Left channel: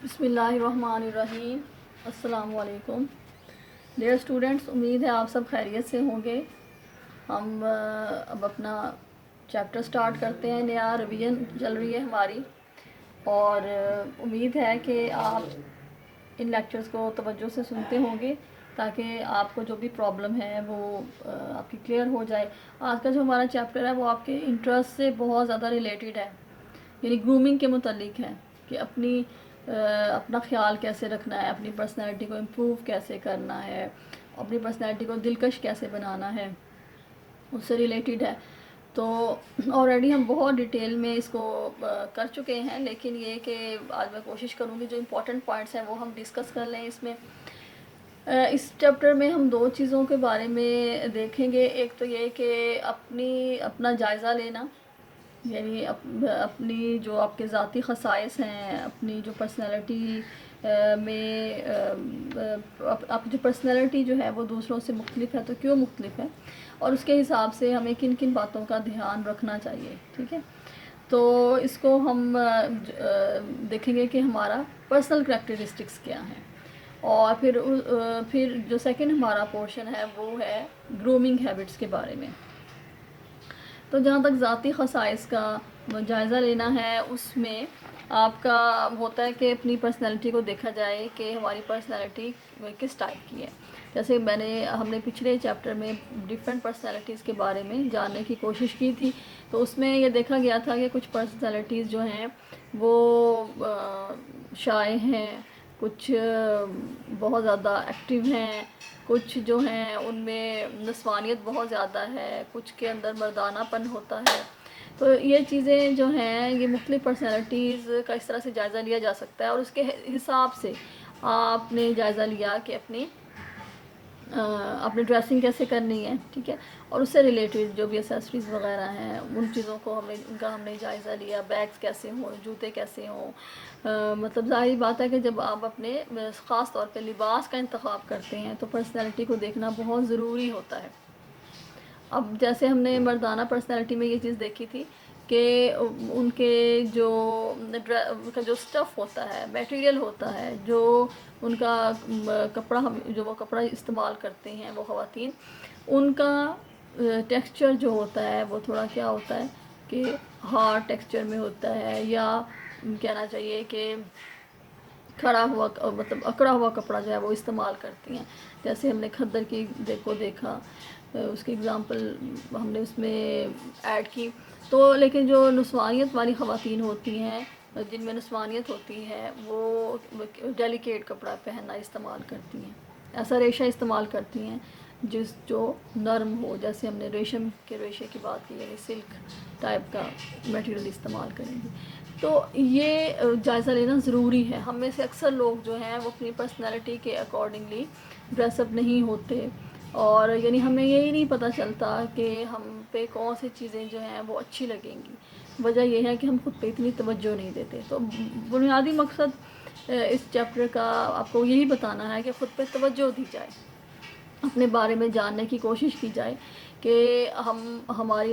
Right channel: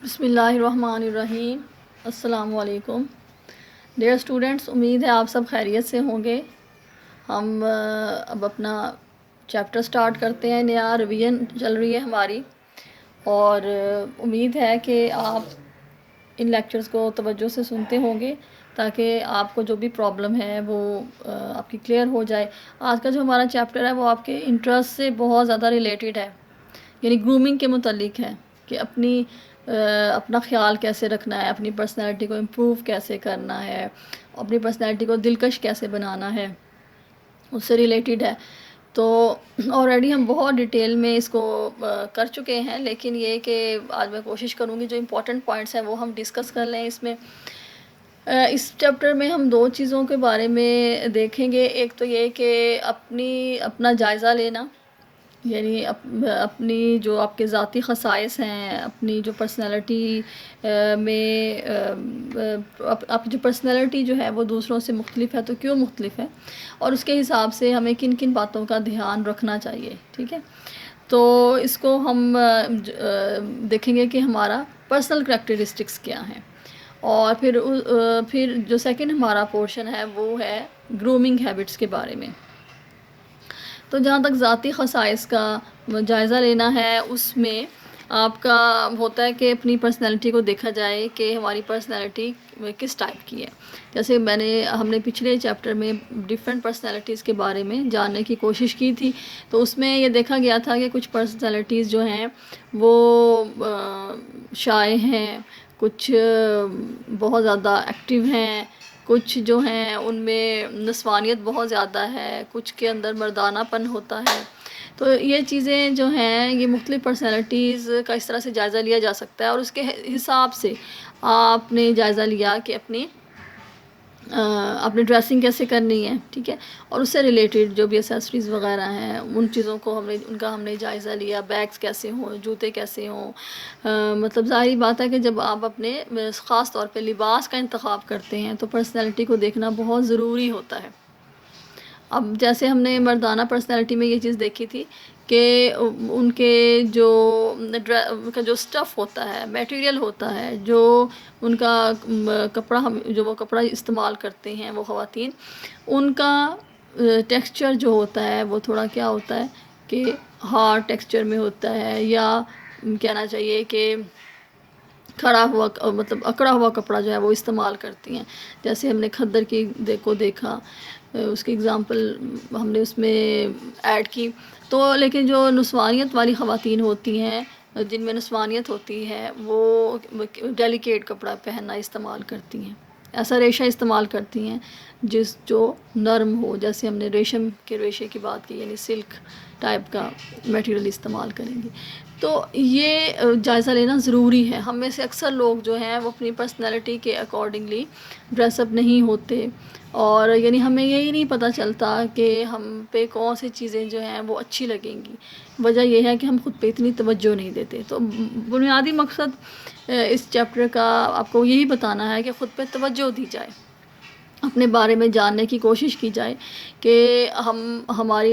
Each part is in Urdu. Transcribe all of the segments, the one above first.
بسم اللہ الرحمن الرحیم۔ السلام علیکم ڈیئر اسٹوڈنٹس، امید ہے آپ سب خیریت سے ہوں گے۔ ہم اب اپنا چیپٹر سٹارٹ کرتے ہیں، نیا ریویژن چل رہی ہے ہماری، اور امید ہے کہ آپ ان لیکچرز کو توجہ سے سنتے ہوں گے تاکہ آپ کو جو بھی پرابلم ہے وہ آپ کی کلیئر ہو جائے۔ آج کا جو ہمارا چیپٹر ہے وہ آپ کے انٹرسٹ سے بہت زیادہ ریلیٹڈ ہے، یعنی گرومنگ کے متعلق ہے کہ اپنا خیال کیسے رکھنا ہے، اپنی پرسنالٹی کو امپروو کیسے کرنا ہے، اپنی پرسنالٹی کو دلکش کیسے بنانا ہے، اس سے ریلیٹڈ ہے۔ تو آلریڈی ہم بہت ڈیٹیل میں اس کو کر چکے ہیں، لیکن یہ کہ آج میں کوشش کروں گی جو امپورٹنٹ پوائنٹس ہیں وہ ہم ڈسکس کر لیں اس میں۔ اس چیپٹر میں ہم دو چیزوں کے بارے میں دیکھیں گے۔ ایک تو یہ کہ اپنا جائزہ لینا، یعنی اپنی جو آپ کے ذاتی خصائص ہیں، اپنی جو پرسنالٹی میں آپ جو پرسنالٹی جو ہے وہ دوسروں سے مختلف ہے تو کیوں مختلف ہے، اور اس کے حساب سے ہمیں کن کن باتوں کا دھیان رکھنا چاہیے، ٹھیک ہے۔ تو اس کو ہم دیکھیں گے کہ ہمارا پرسنل کریکٹرسٹکس کیا ہیں، اور پھر جو سیکنڈ ہمارا پورشن ہے وہ ہے گرومنگ ہیبٹس کے بارے میں۔ تو جہاں تک ذاتی خصائص کا جائزہ لینا ہے، اس میں آپ کا ہوتا ہے کہ اپنی پرسنالٹی کو دیکھا جائے کہ ہماری پرسنالٹی کس ٹائپ کی ہے۔ جیسے ہم نے پچھلے چیپٹر میں ڈیفرنٹ پرسنالٹیز کے بارے میں جاننے کی کوشش کی تھی، تو اس میں یہ دیکھا گیا تھا کہ کچھ پرسنالٹیز جو ہیں وہ شائع ہیں، کچھ بہت زیادہ ایکٹیو ہیں، کچھ جو ہیں ان میں نسوانیت بہت زیادہ ہے، کچھ کے اندر مردانہ پن ہوتا ہے۔ تو یہ چیزیں جو ہیں، یہ مختلف پرسنالٹیز کا اس طرح سے جائزہ لیا جا سکتا ہے، اور اس کے حساب سے آپ نے جائزہ لیا کہ اپنی ڈریسنگ کیسے کرنی ہے، ٹھیک ہے، اور اس سے ریلیٹڈ جو بھی ایسیسریز وغیرہ ہیں ان چیزوں کو ان کا ہم نے جائزہ لیا، بیگز کیسے ہوں، جوتے کیسے ہوں۔ مطلب ظاہری بات ہے کہ جب آپ اپنے خاص طور پہ لباس کا انتخاب کرتے ہیں تو پرسنالٹی کو دیکھنا بہت ضروری ہوتا ہے۔ اب جیسے ہم نے مردانہ پرسنالٹی میں یہ چیز دیکھی تھی کہ ان کے جو سٹف ہوتا ہے، میٹیریل ہوتا ہے، جو ان کا جو وہ کپڑا استعمال کرتے ہیں وہ خواتین، ان کا ٹیکسچر جو ہوتا ہے وہ تھوڑا کیا ہوتا ہے کہ ہارڈ ٹیکسچر میں ہوتا ہے، یا کہنا چاہیے کہ کھڑا ہوا مطلب اکڑا ہوا کپڑا جو ہے وہ استعمال کرتی ہیں۔ جیسے ہم نے کھدر کی کو دیکھا، اس کی اگزامپل ہم نے اس میں ایڈ کی۔ تو لیکن جو نسوانیت والی خواتین ہوتی ہیں، جن میں نسوانیت ہوتی ہے، وہ ڈیلیکیٹ کپڑا پہننا استعمال کرتی ہیں، ایسا ریشہ استعمال کرتی ہیں جو نرم ہو، جیسے ہم نے ریشم کے ریشے کی بات کی، یعنی سلک ٹائپ کا میٹیریل استعمال کریں گے۔ تو یہ جائزہ لینا ضروری ہے۔ ہم میں سے اکثر لوگ جو ہیں وہ اپنی پرسنالٹی کے اکارڈنگلی ڈریس اپ نہیں ہوتے، اور یعنی ہمیں یہی نہیں پتہ چلتا کہ ہم پہ کون سی چیزیں جو ہیں وہ اچھی لگیں گی۔ وجہ یہ ہے کہ ہم خود پہ اتنی توجہ نہیں دیتے۔ تو بنیادی مقصد اس چیپٹر کا آپ کو یہی بتانا ہے کہ خود پہ توجہ دی جائے، اپنے بارے میں جاننے کی کوشش کی جائے کہ ہماری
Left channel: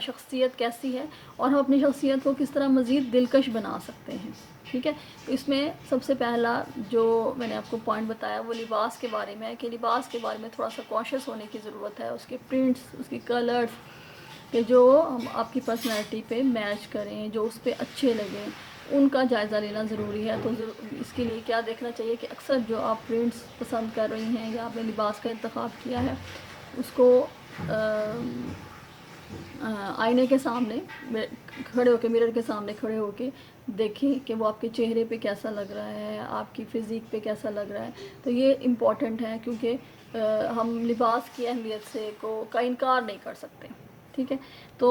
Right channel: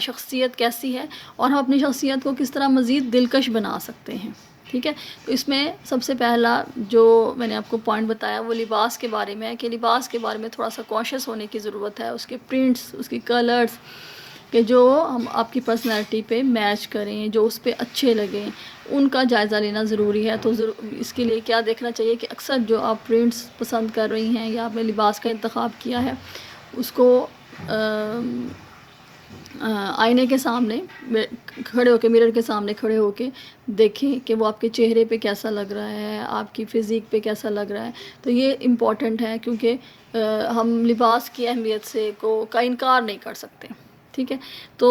شخصیت کیسی ہے، اور ہم اپنی شخصیت کو کس طرح مزید دلکش بنا سکتے ہیں، ٹھیک ہے۔ تو اس میں سب سے پہلا جو میں نے آپ کو پوائنٹ بتایا وہ لباس کے بارے میں ہے کہ لباس کے بارے میں تھوڑا سا کانشیس ہونے کی ضرورت ہے، اس کے پرنٹس، اس کی کلرز، کہ جو ہم آپ کی پرسنالٹی پہ میچ کریں، جو اس پہ اچھے لگیں، ان کا جائزہ لینا ضروری ہے۔ تو اس کے لیے کیا دیکھنا چاہیے کہ اکثر جو آپ پرنٹس پسند کر رہی ہیں یا آپ نے لباس کا انتخاب کیا ہے، اس کو آئینے کے سامنے کھڑے ہو کے، مرر کے سامنے کھڑے ہو کے دیکھیں کہ وہ آپ کے چہرے پہ کیسا لگ رہا ہے، آپ کی فزیک پہ کیسا لگ رہا ہے۔ تو یہ امپورٹنٹ ہے، کیونکہ ہم لباس کی اہمیت کا انکار نہیں کر سکتے، ٹھیک ہے۔ تو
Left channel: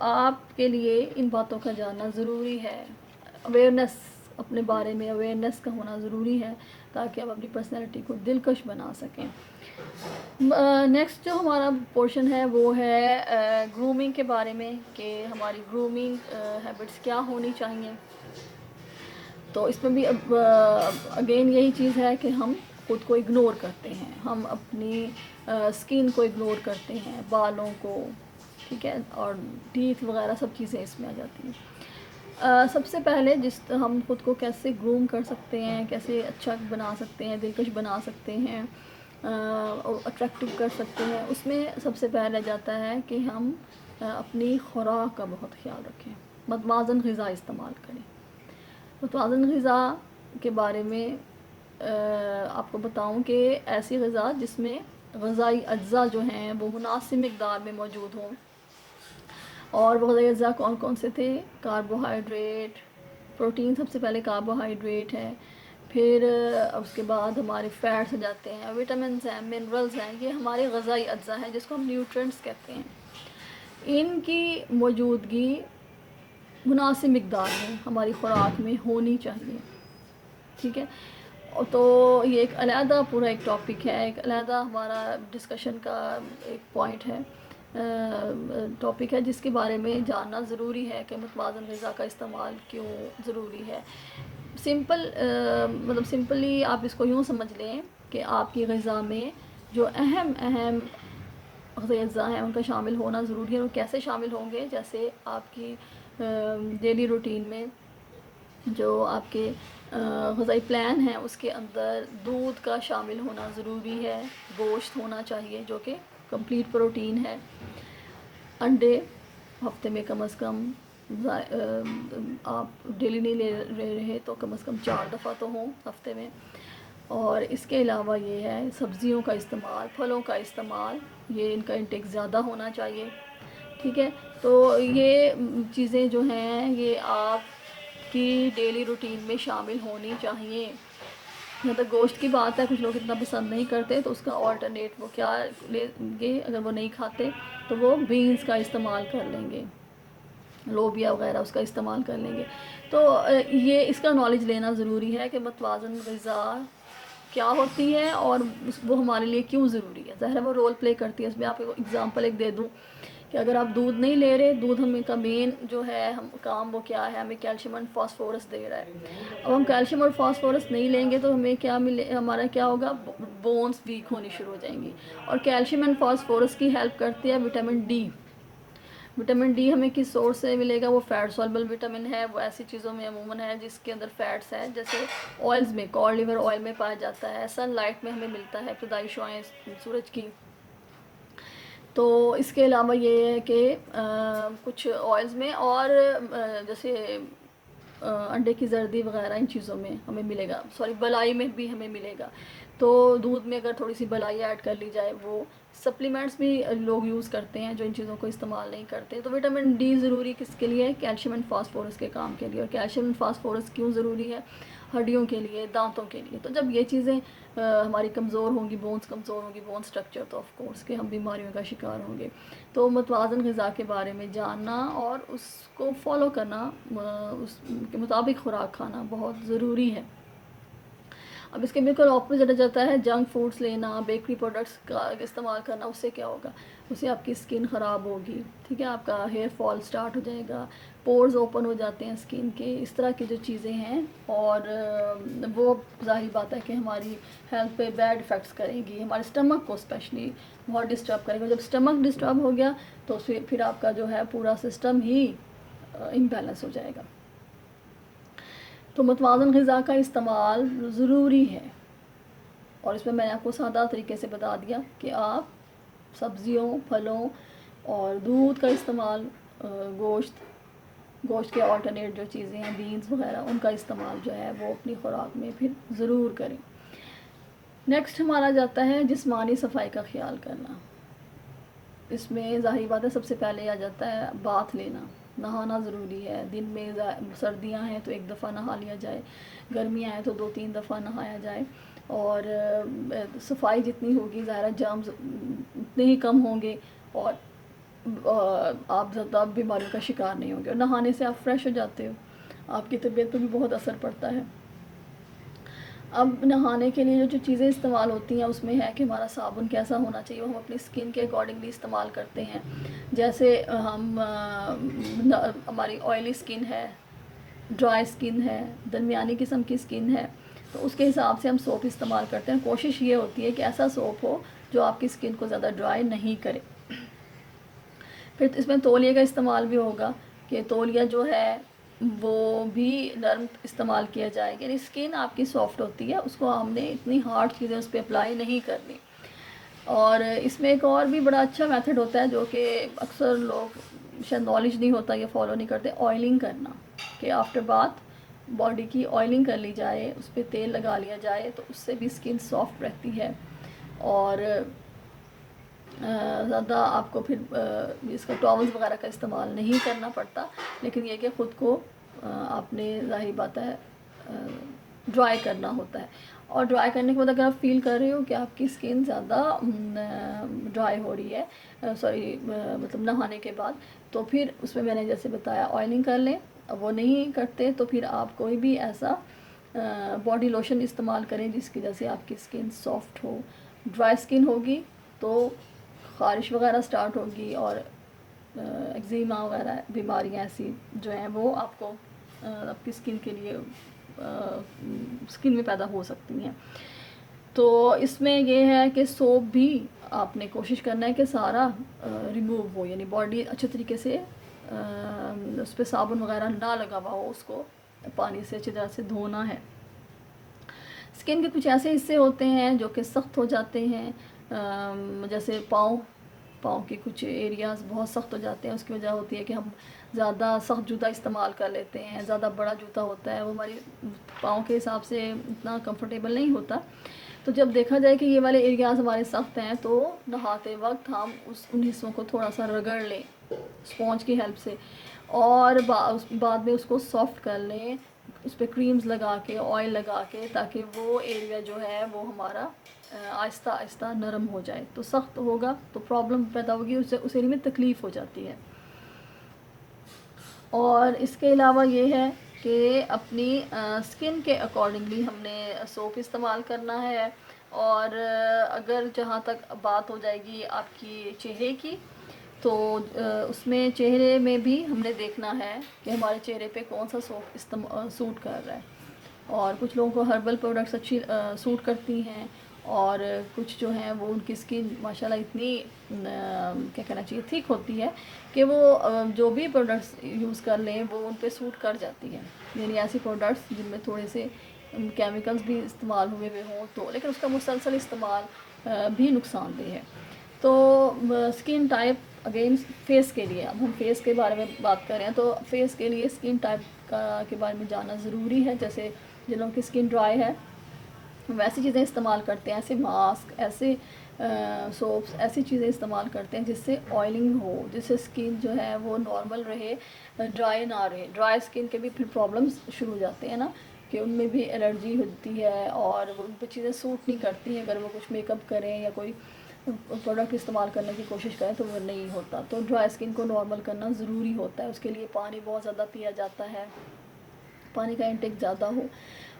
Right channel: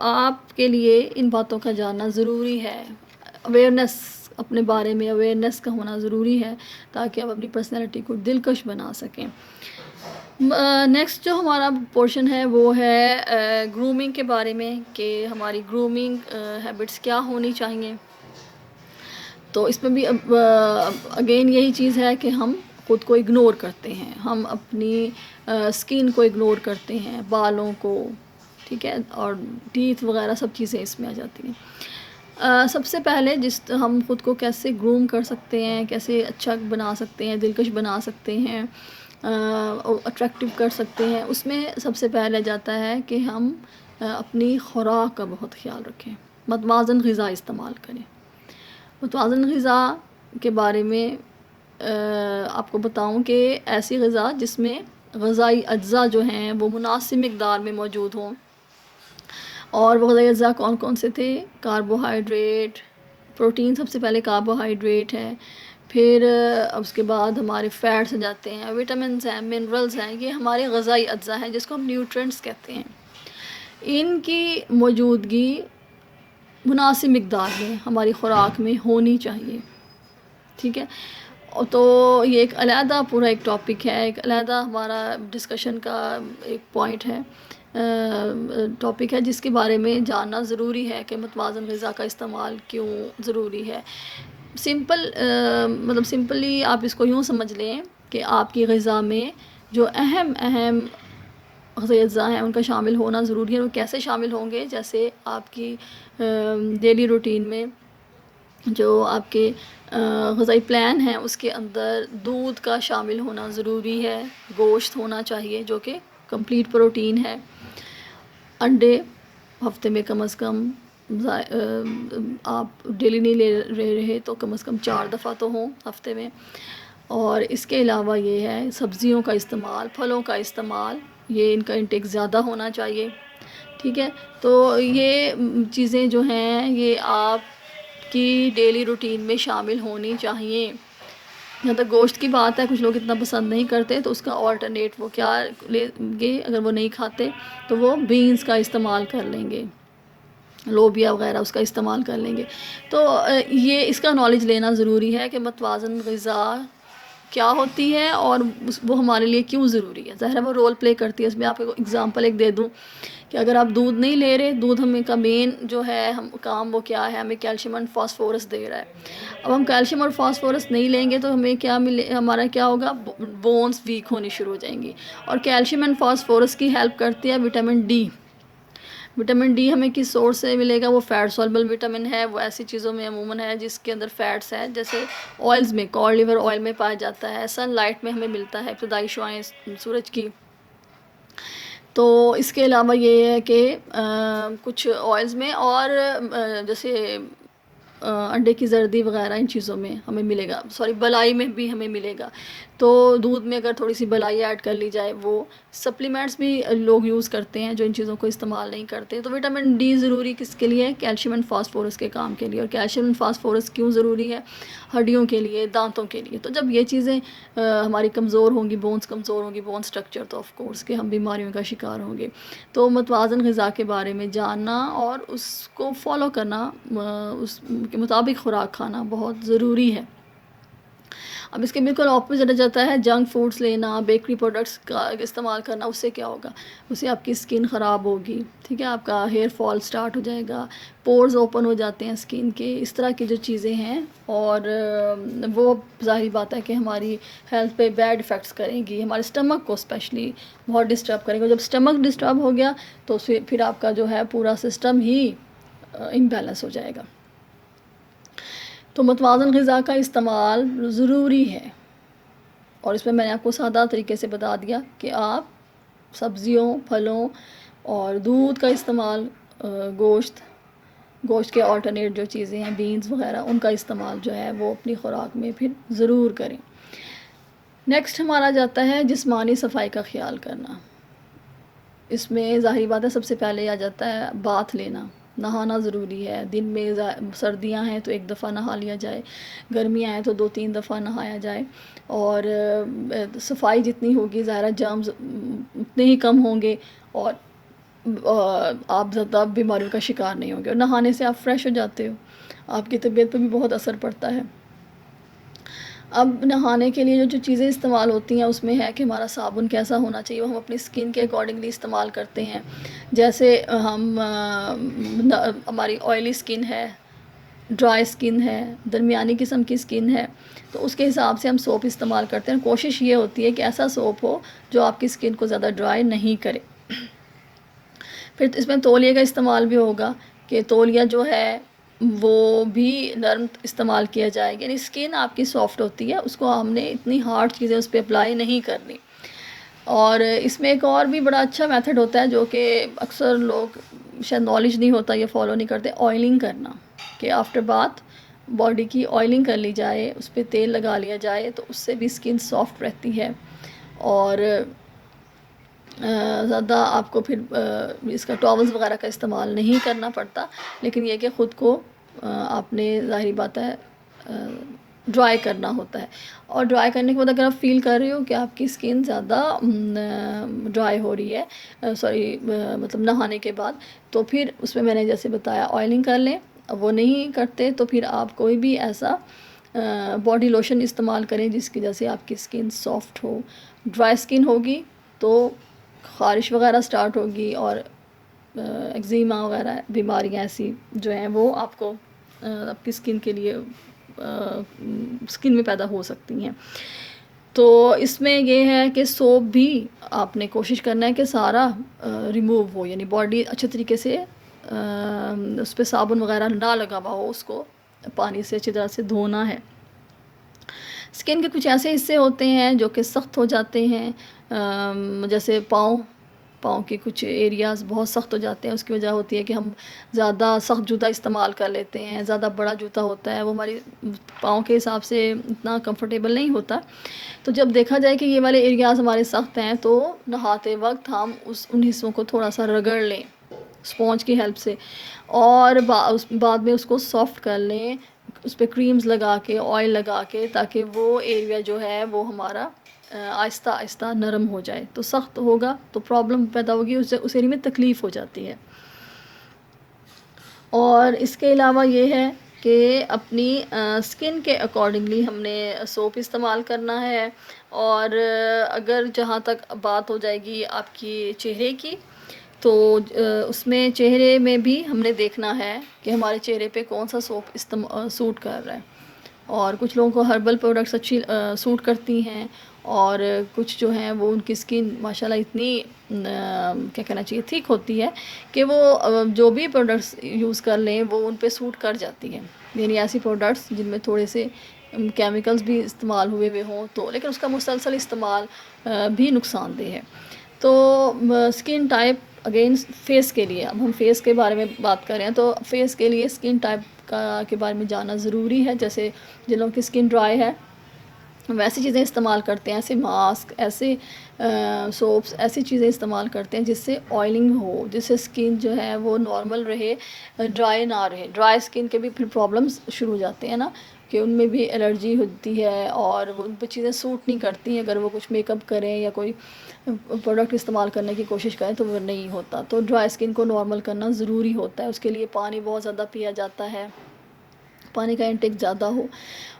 آپ کے لیے ان باتوں کا جاننا ضروری ہے، اویئرنیس، اپنے بارے میں اویئرنیس کا ہونا ضروری ہے تاکہ آپ اپنی پرسنالٹی کو دلکش بنا سکیں۔ نیکسٹ جو ہمارا پورشن ہے وہ ہے گرومنگ کے بارے میں، کہ ہماری گرومنگ ہیبٹس کیا ہونی چاہیے۔ تو اس میں بھی اگین یہی چیز ہے کہ ہم خود کو اگنور کرتے ہیں، ہم اپنی سکن کو اگنور کرتے ہیں، بالوں کو، ٹھیک ہے، اور ٹیتھ وغیرہ سب چیزیں اس میں آ جاتی ہیں۔ سب سے پہلے ہم خود کو کیسے گروم کر سکتے ہیں، کیسے اچھا بنا سکتے ہیں، دلکش بنا سکتے ہیں، اٹریکٹیو کر سکتے ہیں، اس میں سب سے پہلے جاتا ہے کہ ہم اپنی خوراک کا بہت خیال رکھیں، متوازن غذا استعمال کریں۔ متوازن غذا کے بارے میں آپ کو بتاؤں کہ ایسی غذا جس میں غذائی اجزاء جو ہیں وہ مناسب مقدار میں موجود ہوں، اور وہ غذائی اجزاء کون کون سے تھے؟ کاربوہائیڈریٹ، پروٹین سب سے پہلے کاربوہائیڈریٹ ہے، پھر اس کے بعد ہمارے فیٹس جاتے ہیں، وٹامنس ہیں، منرلز ہیں، یہ ہمارے غذائی اجزاء ہیں جس کو ہم نیوٹرینٹس کہتے ہیں۔ ان کی موجودگی مناسب مقدار میں ہماری خوراک میں ہونی چاہیے، ٹھیک ہے۔ تو یہ ایک علیحدہ پورا ایک ٹاپک ہے، ایک علیحدہ ہمارا ڈسکشن کا ایک پوائنٹ ہے، ٹاپک ہے جس کے بارے میں جاننا ضروری ہے کہ متوازن غذا کا استعمال کیوں ضروری ہے۔ سمپلی آپ اس کو یوں سمجھ لیں کہ آپ کی غذا میں جو اہم غذائی اجزاء ہیں ان کا شامل ہونا ضروری ہے۔ وہ کیسے شامل ہوں گے؟ جیسے آپ کی ڈیلی روٹین میں جو آپ کے غذائی پلان ہیں اس کے اندر دودھ کا شامل ہونا ضروری ہے، گوشت ہونا چاہیے جو کہ کمپلیٹ پروٹین ہے، انڈے ہفتے میں کم از کم آپ ڈیلی نہیں لے رہے تو کم از کم 4 دفعہ تو ہوں ہفتے میں، اور اس کے علاوہ یہ ہے سبزیوں کا استعمال، پھلوں کا استعمال، یہ ان کا انٹیک زیادہ ہونا چاہیے، ٹھیک ہے۔ تو یہ چیزیں جو ہیں یہ آپ کی ڈیلی روٹین میں شامل ہونی چاہیے۔ جہاں تک گوشت کی بات ہے، کچھ لوگ اتنا پسند نہیں کرتے تو اس کا آلٹرنیٹ وہ کیا لیں گے؟ اگر وہ نہیں کھاتے تو وہ بینز کا استعمال کر لیں گے، لوبیا وغیرہ اس کا استعمال کر لیں گے۔ تو یہ اس کا نالج لینا ضروری ہے کہ متوازن غذا کیا ہوتی ہے اور وہ ہمارے لیے کیوں ضروری ہے۔ ظاہر ہے وہ رول پلے کرتی ہے۔ اس میں آپ کو اگزامپل ایک دے دوں کہ اگر آپ دودھ نہیں لے رہے، دودھ ہمیں کا مین جو ہے کام وہ کیا ہے؟ ہمیں کیلشیم اور فاسفورس دے رہا ہے۔ اب ہم کیلشیم اور فاسفورس نہیں لیں گے تو ہمیں کیا ہمارا کیا ہوگا؟ بونز ویک ہونی شروع ہو جائیں گی، اور کیلشیم اینڈ فاسفورس کی ہیلپ کرتی ہے وٹامن ڈی۔ وٹامن ڈی ہمیں کس سورس سے ملے گا؟ وہ فیٹ سولبل وٹامن ہے، وہ ایسی چیزوں میں عموماً ہے جس کے اندر فیٹس ہیں، جیسے آئلز میں، کاڈ لیور آئل میں پایا جاتا ہے، سن لائٹ میں ہمیں ملتا ہے، ابتدائی شعاعیں سورج کی۔ تو اس کے علاوہ یہ ہے کہ کچھ آئلز میں اور جیسے انڈے کی زردی وغیرہ ان چیزوں میں ہمیں ملے گا، بلائی میں بھی ہمیں ملے گا۔ تو دودھ میں اگر تھوڑی سی بلائی ایڈ کر لی جائے، وہ سپلیمنٹس بھی لوگ یوز کرتے ہیں جو ان چیزوں کو استعمال نہیں کرتے۔ تو وٹامن ڈی ضروری کس کے لیے؟ کیلشیم اینڈ فاسفورس کے کام کے لیے۔ اور کیلشیم اینڈ فاسفورس کیوں ضروری ہے؟ ہڈیوں کے لیے، دانتوں کے لیے۔ تو جب یہ چیزیں ہماری کمزور ہوں گی، بونز کمزور ہوں گی، بون سٹرکچر، تو آف کورس کہ ہم بیماریوں کا شکار ہوں گے۔ تو متوازن غذا کے بارے میں جاننا اور اس کو فالو کرنا، اس کے مطابق خوراک کھانا بہت ضروری ہے۔ اب اس کے بالکل اپوزٹ ہو جاتا ہے جنک فوڈس لینا، بیکری پروڈکٹس کا استعمال کرنا۔ اس سے کیا ہوگا؟ اس سے آپ کی اسکن خراب ہوگی، ٹھیک ہے، آپ کا ہیئر فال سٹارٹ ہو جائے گا، پورز اوپن ہو جاتے ہیں اسکن کے، اس طرح کی جو چیزیں ہیں، اور وہ ظاہری بات ہے کہ ہماری ہیلتھ پہ بیڈ افیکٹس کریں گی، ہمارے اسٹمک کو اسپیشلی بہت ڈسٹرب کریں گے۔ جب اسٹمک ڈسٹرب ہو گیا تو پھر آپ کا جو ہے پورا سسٹم ہی امبیلنس ہو جائے گا۔ تو متوازن غذا کا استعمال ضروری ہے، اور اس میں نے آپ کو سادہ طریقے سے بتا دیا کہ آپ سبزیوں، پھلوں اور دودھ کا استعمال، گوشت کے آلٹرنیٹ جو چیزیں ہیں، بینز وغیرہ، ان کا استعمال جو ہے وہ اپنی خوراک میں پھر ضرور کریں۔ نیکسٹ ہمارا جاتا ہے جسمانی صفائی کا خیال کرنا۔ اس میں ظاہری بات ہے سب سے پہلے آ جاتا ہے باتھ لینا، نہانا ضروری ہے۔ دن میں سردیاں ہیں تو 1 دفعہ نہا لیا جائے، گرمیاں ہیں تو 2-3 دفعہ نہایا جائے، اور صفائی جتنی ہوگی ظاہر جرمز اتنے ہی کم ہوں گے، اور آپ زیادہ بیماریوں کا شکار نہیں ہوں گے، اور نہانے سے آپ فریش ہو جاتے ہو، آپ کی طبیعت پہ بھی بہت اثر پڑتا ہے۔ اب نہانے کے لیے جو چیزیں استعمال ہوتی ہیں اس میں ہے کہ ہمارا صابن کیسا ہونا چاہیے، وہ ہم اپنی اسکن کے اکارڈنگلی استعمال کرتے ہیں۔ جیسے ہماری آئلی اسکن ہے، ڈرائی اسکن ہے، درمیانی قسم کی اسکن ہے، تو اس کے حساب سے ہم سوپ استعمال کرتے ہیں۔ کوشش یہ ہوتی ہے کہ ایسا سوپ ہو جو آپ کی اسکن کو زیادہ ڈرائی نہیں کرے۔ پھر اس میں تولیے کا استعمال بھی ہوگا کہ تولیہ جو ہے وہ بھی نرم استعمال کیا جائے گا. یعنی اسکن آپ کی سافٹ ہوتی ہے, اس کو ہم نے اتنی ہارڈ چیزیں اس پہ اپلائی نہیں کرنی. اور اس میں ایک اور بھی بڑا اچھا میتھڈ ہوتا ہے جو کہ اکثر لوگ شاید نالج نہیں ہوتا, یہ فالو نہیں کرتے, آئلنگ کرنا. کہ آفٹر باتھ باڈی کی آئلنگ کر لی جائے, اس پہ تیل لگا لیا جائے, تو اس سے بھی اسکن سافٹ رہتی ہے. اور زیادہ آپ کو پھر اس کا ٹاولز وغیرہ کا استعمال نہیں کرنا پڑتا, لیکن یہ کہ خود کو آپ نے ظاہری بات ہے ڈرائی کرنا ہوتا ہے. اور ڈرائی کرنے کے بعد اگر آپ فیل کر رہے ہو کہ آپ کی اسکن زیادہ ڈرائی ہو رہی ہے, مطلب نہانے کے بعد, تو پھر اس میں نے جیسے بتایا آئلنگ کر لیں. اب وہ نہیں کرتے تو پھر آپ کوئی بھی ایسا باڈی لوشن استعمال کریں جس کی وجہ سے آپ کی اسکن سافٹ ہو. ڈرائی اسکن ہوگی تو خارش وغیرہ سٹارٹ ہوگی, اور ایگزیما وغیرہ بیماریاں ایسی جو ہیں وہ آپ کو آپ کی اسکن کے لیے اسکن میں پیدا ہو سکتی ہیں. تو اس میں یہ ہے کہ سوپ بھی آپ نے کوشش کرنا ہے کہ سارا ریموو ہو, یعنی باڈی اچھے طریقے سے اس پہ صابن وغیرہ نہ لگا ہوا ہو, اس کو پانی سے اچھی طرح سے دھونا ہے. اسکن کے کچھ ایسے حصے ہوتے ہیں جو کہ سخت ہو جاتے ہیں, جیسے پاؤں کے کچھ ایریاز بہت سخت ہو جاتے ہیں. اس کی وجہ ہوتی ہے کہ ہم زیادہ سخت جوتا استعمال کر لیتے ہیں, زیادہ بڑا جوتا ہوتا ہے, وہ ہماری پاؤں کے حساب سے اتنا کمفرٹیبل نہیں ہوتا. تو جب دیکھا جائے کہ یہ والے ایریاز ہمارے سخت ہیں تو نہاتے وقت ہم ان حصوں کو تھوڑا سا رگڑ لیں اسپونج کی ہیلپ سے, اور بعد میں اس کو سافٹ کر لیں اس پہ کریمز لگا کے, آئل لگا کے, تاکہ وہ ایریا جو ہے وہ ہمارا آہستہ آہستہ نرم ہو جائے. تو سخت ہوگا تو پرابلم پیدا ہوگی, اس ایریا میں تکلیف ہو جاتی ہے. اور اس کے علاوہ یہ ہے کہ اپنی اسکن کے اکارڈنگلی ہم نے سوپ استعمال کرنا ہے. اور اگر جہاں تک بات ہو جائے گی آپ کی چہرے کی, تو اس میں چہرے میں بھی ہم نے دیکھنا ہے کہ ہمارے چہرے پہ کون سا سوپ سوٹ کر رہا ہے. اور کچھ لوگوں کو ہربل پروڈکٹس اچھی سوٹ کرتی ہیں, اور کچھ جو ہیں وہ ان کی اسکن ماشاءاللہ اتنی کیا کہنا چاہیے تھک ہوتی ہے کہ وہ جو بھی پروڈکٹس یوز کر لیں وہ ان پہ سوٹ کر جاتی ہیں. یعنی ایسی پروڈکٹس جن میں تھوڑے سے کیمیکلز بھی استعمال ہوئے ہوں تو, لیکن اس کا مسلسل استعمال بھی نقصان دہ ہے. تو اسکن ٹائپ اگین فیس کے لیے, اب ہم فیس کے بارے میں بات کر رہے ہیں, تو فیس کے لیے اسکن ٹائپ کے بارے میں جاننا ضروری ہے. جیسے جن لوگوں کی اسکن ڈرائی ہے ویسی چیزیں استعمال کرتے ہیں, ایسے ماسک, ایسے سوپس, ایسی چیزیں استعمال کرتے ہیں جس سے آئلنگ ہو, جس سے اسکن جو ہے وہ نارمل رہے, ڈرائی نہ رہے. ڈرائی اسکن کے بھی پھر پرابلمس شروع ہو جاتے ہیں نا, کہ ان میں بھی الرجی ہوتی ہے اور ان پہ چیزیں سوٹ نہیں کرتی ہیں. اگر وہ کچھ میک اپ کریں یا کوئی پروڈکٹ استعمال کرنے کی کوشش کریں تو وہ نہیں ہوتا. تو ڈرائی اسکن کو نارمل کرنا ضروری ہوتا ہے. اس کے لیے پانی بہت زیادہ پیا جاتا ہے, پانی کا انٹیک زیادہ ہو,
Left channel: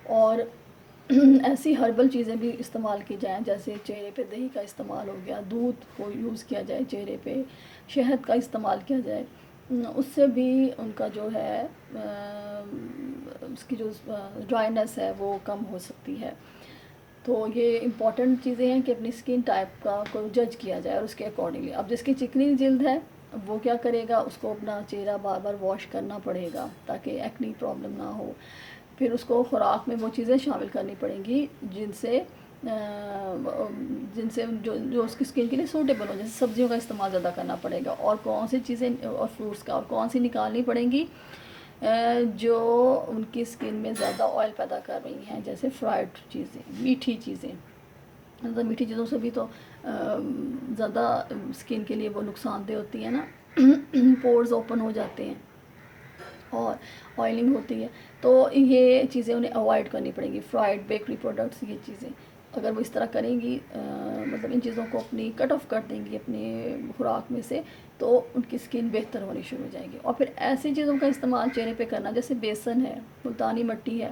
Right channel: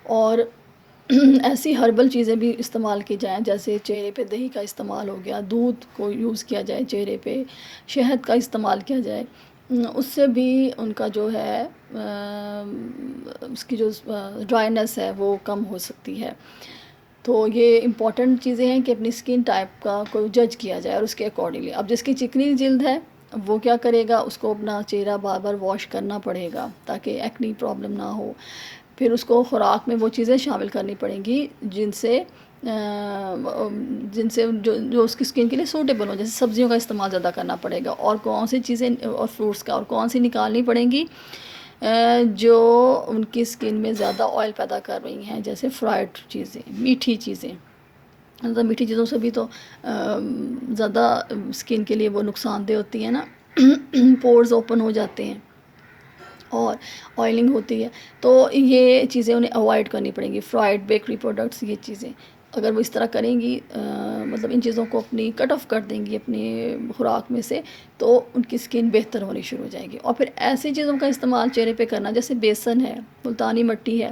اور ایسی ہربل چیزیں بھی استعمال کی جائیں, جیسے چہرے پہ دہی کا استعمال ہو گیا, دودھ کو یوز کیا جائے چہرے پہ, شہد کا استعمال کیا جائے. اس سے بھی ان کا جو ہے اس کی جو ڈرائینس ہے وہ کم ہو سکتی ہے. تو یہ امپورٹنٹ چیزیں ہیں کہ اپنی اسکن ٹائپ کا کو جج کیا جائے اور اس کے اکارڈنگلی. اب جس کی چکنی جلد ہے وہ کیا کرے گا, اس کو اپنا چہرہ بار بار واش کرنا پڑے گا تاکہ ایکنی پرابلم نہ ہو. پھر اس کو خوراک میں وہ چیزیں شامل کرنی پڑیں گی جن سے جو اس کی اسکن کے لیے سوٹیبل ہو. جیسے سبزیوں کا استعمال زیادہ کرنا پڑے گا, اور کون سی چیزیں, اور فروٹس کا, اور کون سی نکالنی پڑیں گی جو ان کی اسکن میں زیادہ آئل پیدا کر رہی ہیں, جیسے فرائڈ چیزیں, میٹھی چیزیں. میٹھی چیزوں سے بھی تو زیادہ اسکن کے لیے وہ نقصان دہ ہوتی ہے نا, پورز اوپن ہو جاتے ہیں اور آئلنگ ہوتی ہے. تو یہ چیزیں انہیں اوائڈ کرنی پڑیں گی, فرائڈ بیکری پروڈکٹس, یہ چیزیں اگر وہ اس طرح کریں گی, مطلب ان چیزوں کو اپنی کٹ آف کر دیں گی اپنی خوراک میں سے, تو ان کی اسکن بہتر ہونی شروع ہو جائے گی. اور پھر ایسی چیزوں کا استعمال چہرے پہ کرنا جیسے بیسن ہے, ملتانی مٹی ہے,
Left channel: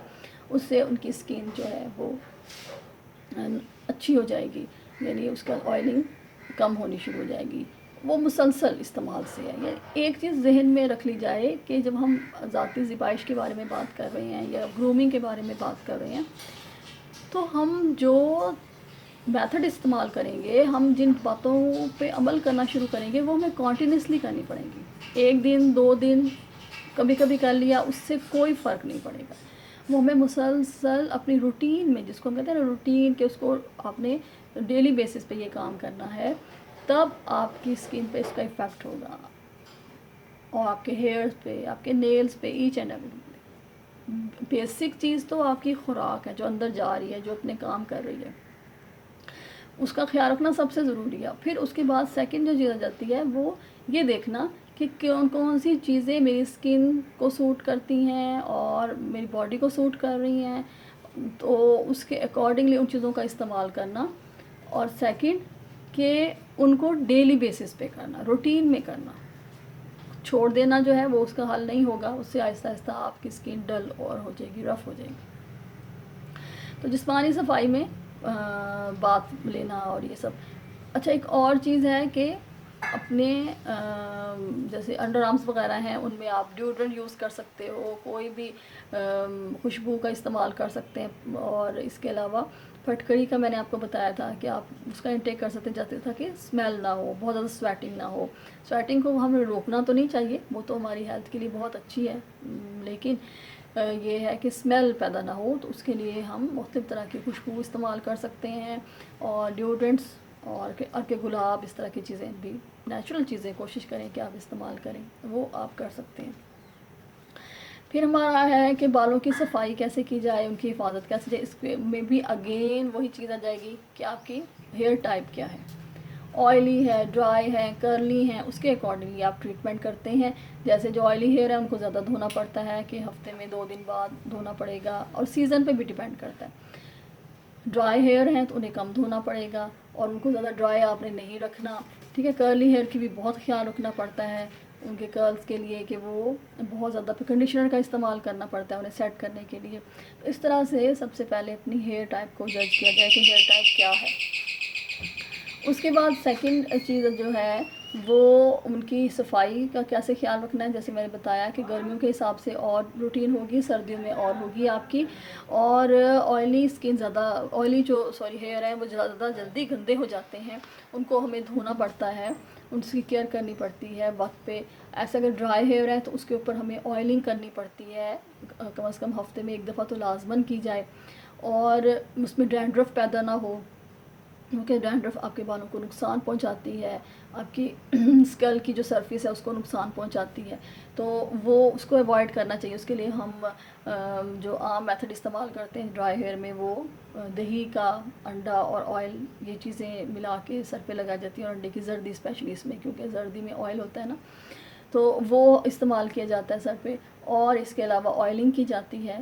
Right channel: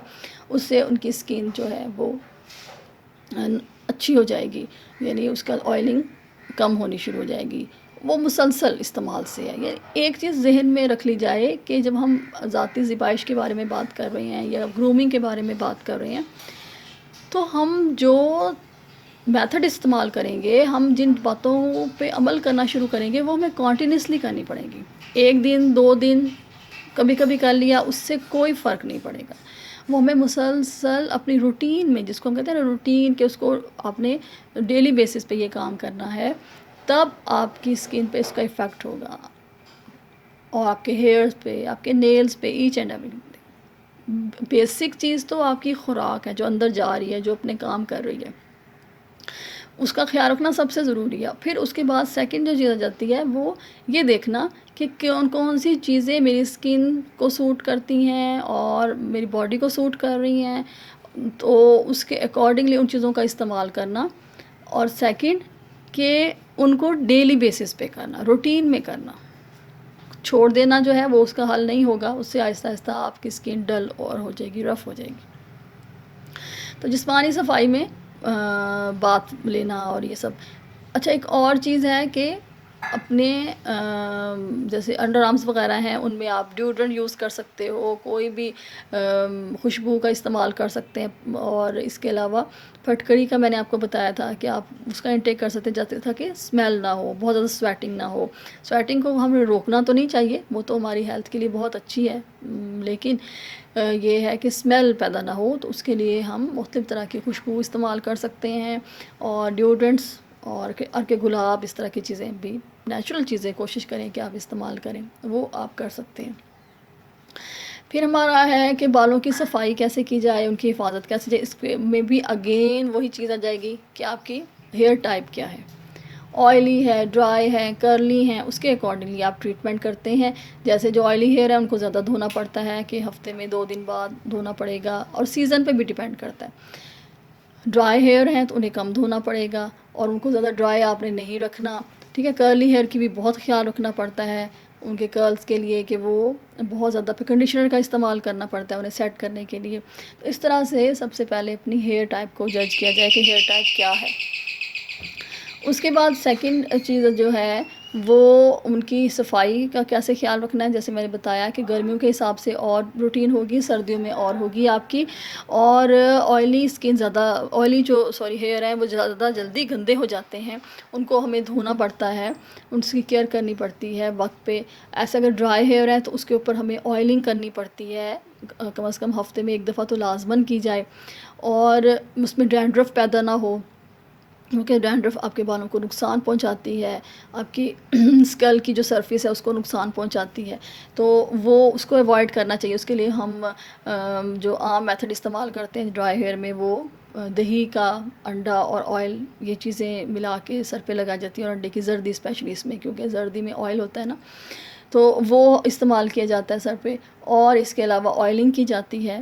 اس سے ان کی اسکن جو ہے وہ اچھی ہو جائے گی, یعنی اس کا آئلنگ کم ہونی شروع ہو جائے گی. وہ مسلسل استعمال سے ہے. یعنی ایک چیز ذہن میں رکھ لی جائے کہ جب ہم ذاتی زیبائش کے بارے میں بات کر رہے ہیں یا گرومنگ کے بارے میں بات کر رہے ہیں, تو ہم جو میتھڈ استعمال کریں گے, ہم جن باتوں پہ عمل کرنا شروع کریں گے وہ ہمیں کنٹینیوسلی کرنی پڑیں گی. ایک دن, 2 دن کبھی کبھی کر لیا، اس سے کوئی فرق نہیں پڑے گا. وہ ہمیں مسلسل اپنی روٹین میں، جس کو ہم کہتے ہیں نا روٹین، کہ اس کو آپ نے ڈیلی بیسس پہ یہ کام کرنا ہے، تب آپ کی اسکن پہ اس کا افیکٹ ہوگا، اور آپ کے ہیئرس پہ، آپ کے نیلز پہ، ایچ اینڈ ایوری. بیسک چیز تو آپ کی خوراک ہے جو اندر جا رہی ہے، جو اپنے کام کر رہی ہے، اس کا خیال رکھنا سب سے ضروری ہے. پھر اس کے بعد سیکنڈ جو چیز آ جاتی ہے وہ یہ دیکھنا کہ کون کون سی چیزیں میری اسکن کو سوٹ کرتی ہیں اور میری باڈی کو سوٹ کر رہی ہیں، تو اس کے اکارڈنگلی ان چیزوں کا استعمال کرنا. اور سیکنڈ کہ ان کو ڈیلی بیسس پہ کرنا، روٹین میں کرنا. چھوڑ دینا جو ہے وہ اس کا حل نہیں ہوگا، اس سے آہستہ آہستہ آپ کی اسکن ڈل اور ہو جائے گی، رف ہو جائے گی. تو جسمانی صفائی میں بات لینا اور یہ سب. اچھا، ایک اور چیز ہے کہ اپنے جیسے انڈر آرمز وغیرہ ہیں، ان میں آپ ڈیوڈرنٹ یوز کر سکتے ہو، کوئی بھی خوشبو کا استعمال کر سکتے ہیں. اور اس کے علاوہ پھٹکری کا میں نے آپ کو بتایا تھا کہ آپ اس کا انٹیک کر سکتے جاتے تھا کہ اسمیل نہ ہو، بہت زیادہ سویٹنگ نہ ہو. سویٹنگ کو ہمیں روکنا تو نہیں چاہیے، وہ تو ہماری ہیلتھ کے لیے بہت اچھی ہے، لیکن یہ ہے کہ اسمیل پیدا نہ ہو، تو اس کے لیے ہم مختلف طرح کی خوشبو استعمال کر سکتے ہیں. اور ڈیوڈرنٹس اور کے گلاب، اس طرح کی چیزیں بھی، نیچرل چیزیں کوشش کریں کہ آپ استعمال کریں، وہ آپ کر سکتے ہیں. پھر ہمارا ہے کہ بالوں کی صفائی کیسے کی جائے، ان کی حفاظت کیسے جائے. اس میں بھی اگین وہی چیز آ جائے گی کہ آپ کی ہیئر ٹائپ کیا ہے، آئلی ہے، ڈرائی ہے، کرلی ہیں، اس کے اکارڈنگلی آپ ٹریٹمنٹ کرتے ہیں. جیسے جو آئلی ہیئر ہے ان کو زیادہ دھونا پڑتا ہے کہ ہفتے میں 2 دن بعد دھونا پڑے گا، اور سیزن پہ بھی ڈیپینڈ کرتا ہے. ڈرائی ہیئر ہیں تو انہیں کم دھونا پڑے گا، اور ان کو زیادہ ڈرائی آپ نے نہیں رکھنا. ٹھیک ہے. کرلی ہیئر کی بھی بہت خیال رکھنا پڑتا ہے ان کے کرلز کے لیے، کہ وہ بہت زیادہ پھر کنڈیشنر کا استعمال کرنا پڑتا ہے انہیں سیٹ کرنے کے لیے. تو اس طرح سے سب سے پہلے اپنی ہیئر ٹائپ کو جج کیا جائے کہ ہیئر ٹائپ کیا ہے. اس کے بعد سیکنڈ چیز جو ہے وہ ان کی صفائی کا کیسے خیال رکھنا ہے. جیسے میں نے بتایا کہ گرمیوں کے حساب سے اور روٹین ہوگی، سردیوں میں اور ہوگی آپ کی. اور آئلی اسکن زیادہ، آئلی جو ہیئر ہیں وہ زیادہ جلدی گندے ہو جاتے ہیں، ان کو ہمیں دھونا پڑتا ہے، ان کی کیئر کرنی پڑتی ہے وقت پہ. ایسے اگر ڈرائی ہیئر ہے تو اس کے اوپر ہمیں آئلنگ کرنی پڑتی ہے، کم از کم ہفتے میں 1 دفعہ تو لازماً کی جائے. اور اس میں ڈینڈرف پیدا نہ ہو، کیونکہ ڈینڈرف آپ کے بالوں کو نقصان پہنچاتی ہے، آپ کی اسکل کی جو سرفیس ہے اس کو نقصان پہنچاتی ہے. تو وہ اس کو اوائڈ کرنا چاہیے. اس کے لیے ہم جو عام میتھڈ استعمال کرتے ہیں ڈرائی ہیئر میں، وہ دہی کا انڈا اور آئل، یہ چیزیں ملا کے سر پہ لگائی جاتی ہیں، اور انڈے کی زردی اسپیشلی اس میں، کیونکہ زردی میں آئل ہوتا ہے نا، تو وہ استعمال کیا جاتا ہے سر پہ. اور اس کے علاوہ آئلنگ کی جاتی ہے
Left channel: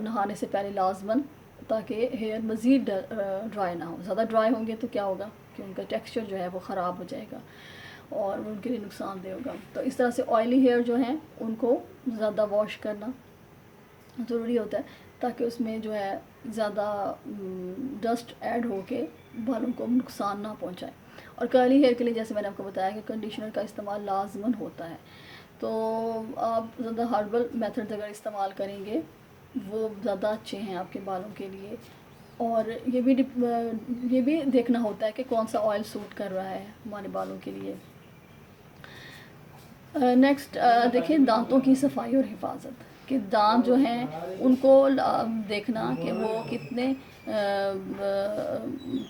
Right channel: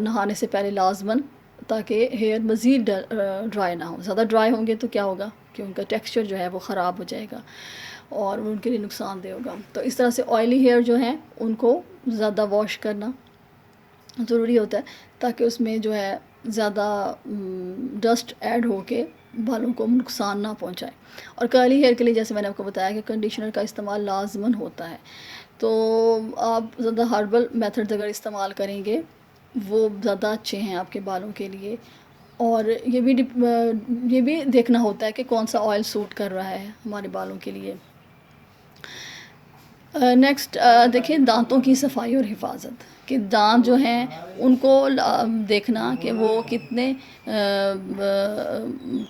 نہانے سے پہلے لازماً، تاکہ ہیئر مزید ڈرائی نہ ہو. زیادہ ڈرائی ہوں گے تو کیا ہوگا کہ ان کا ٹیکسچر جو ہے وہ خراب ہو جائے گا اور وہ ان کے لیے نقصان دہ ہوگا. تو اس طرح سے آئلی ہیئر جو ہیں ان کو زیادہ واش کرنا ضروری ہوتا ہے، تاکہ اس میں جو ہے زیادہ ڈسٹ ایڈ ہو کے بالوں کو نقصان نہ پہنچائے. اور کرلی ہیئر کے لیے جیسے میں نے آپ کو بتایا کہ کنڈیشنر کا استعمال لازماً ہوتا ہے. تو آپ زیادہ ہربل میتھڈ اگر استعمال کریں گے وہ زیادہ اچھے ہیں آپ کے بالوں کے لیے. اور یہ بھی دیکھنا ہوتا ہے کہ کون سا آئل سوٹ کر رہا ہے ہمارے بالوں کے لیے. نیکسٹ دیکھیں دانتوں کی صفائی اور حفاظت، کہ دانت جو ہیں ان کو دیکھنا کہ وہ کتنے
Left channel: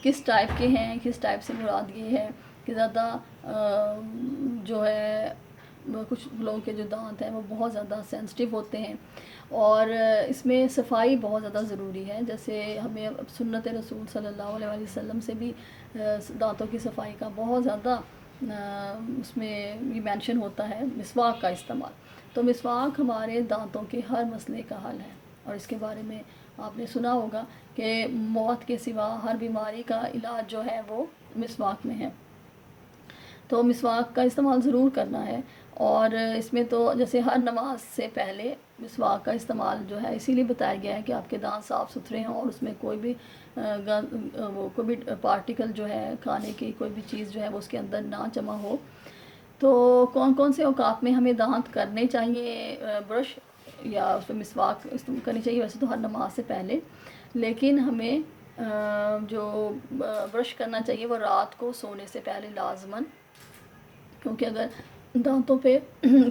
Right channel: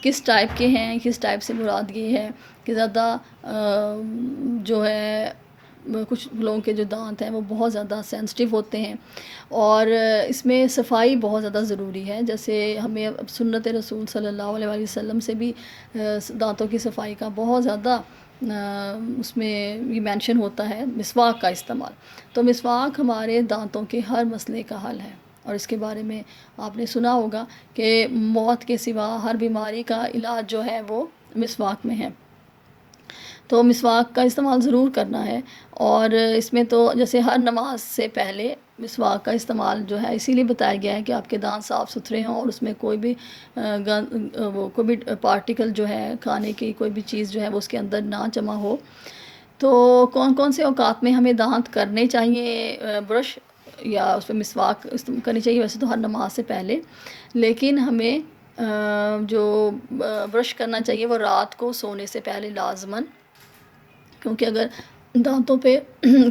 کس ٹائپ کے ہیں. کس ٹائپ سے مراد یہ ہے کہ زیادہ جو ہے کچھ لوگوں کے جو دانت ہیں وہ بہت زیادہ سینسٹیو ہوتے ہیں، اور اس میں صفائی بہت زیادہ ضروری ہے. جیسے ہمیں سنت رسول صلی اللہ علیہ وسلم سے بھی دانتوں کی صفائی کا بہت زیادہ اس میں یہ مینشن ہوتا ہے مسواک کا استعمال. تو مسواک ہمارے دانتوں کے ہر مسئلے کا حل ہے، اور اس کے بارے میں آپ نے سنا ہوگا کہ موت کے سوا ہر بیماری کا علاج جو ہے وہ مسواک میں ہے. تو مسواک کا استعمال ضرور کرنا ہے. اور اس میں تو جیسے ہر نماز سے پہلے مسواک کا استعمال جو ہے اسی لیے بتایا گیا ہے کہ آپ کے دانت صاف ستھرے ہوں، اور اس میں کوئی بھی کوئی بھی پارٹیکل جو ہے کھانے کی کوئی بھی چیز جو ہے وہ اس کے اندر نہ جمع ہو. تو کون کون سے اوقات میں ہمیں دانت کرنے چاہیے برش یا اس پہ مسواک کرنی چاہیے؟ ویسے تو ہر نماز سے پہلے، لیکن ہمیں جو برش کرنا چاہیے وہ رات کو سونے سے پہلے لازماً، کیونکہ اگر دانتوں پہ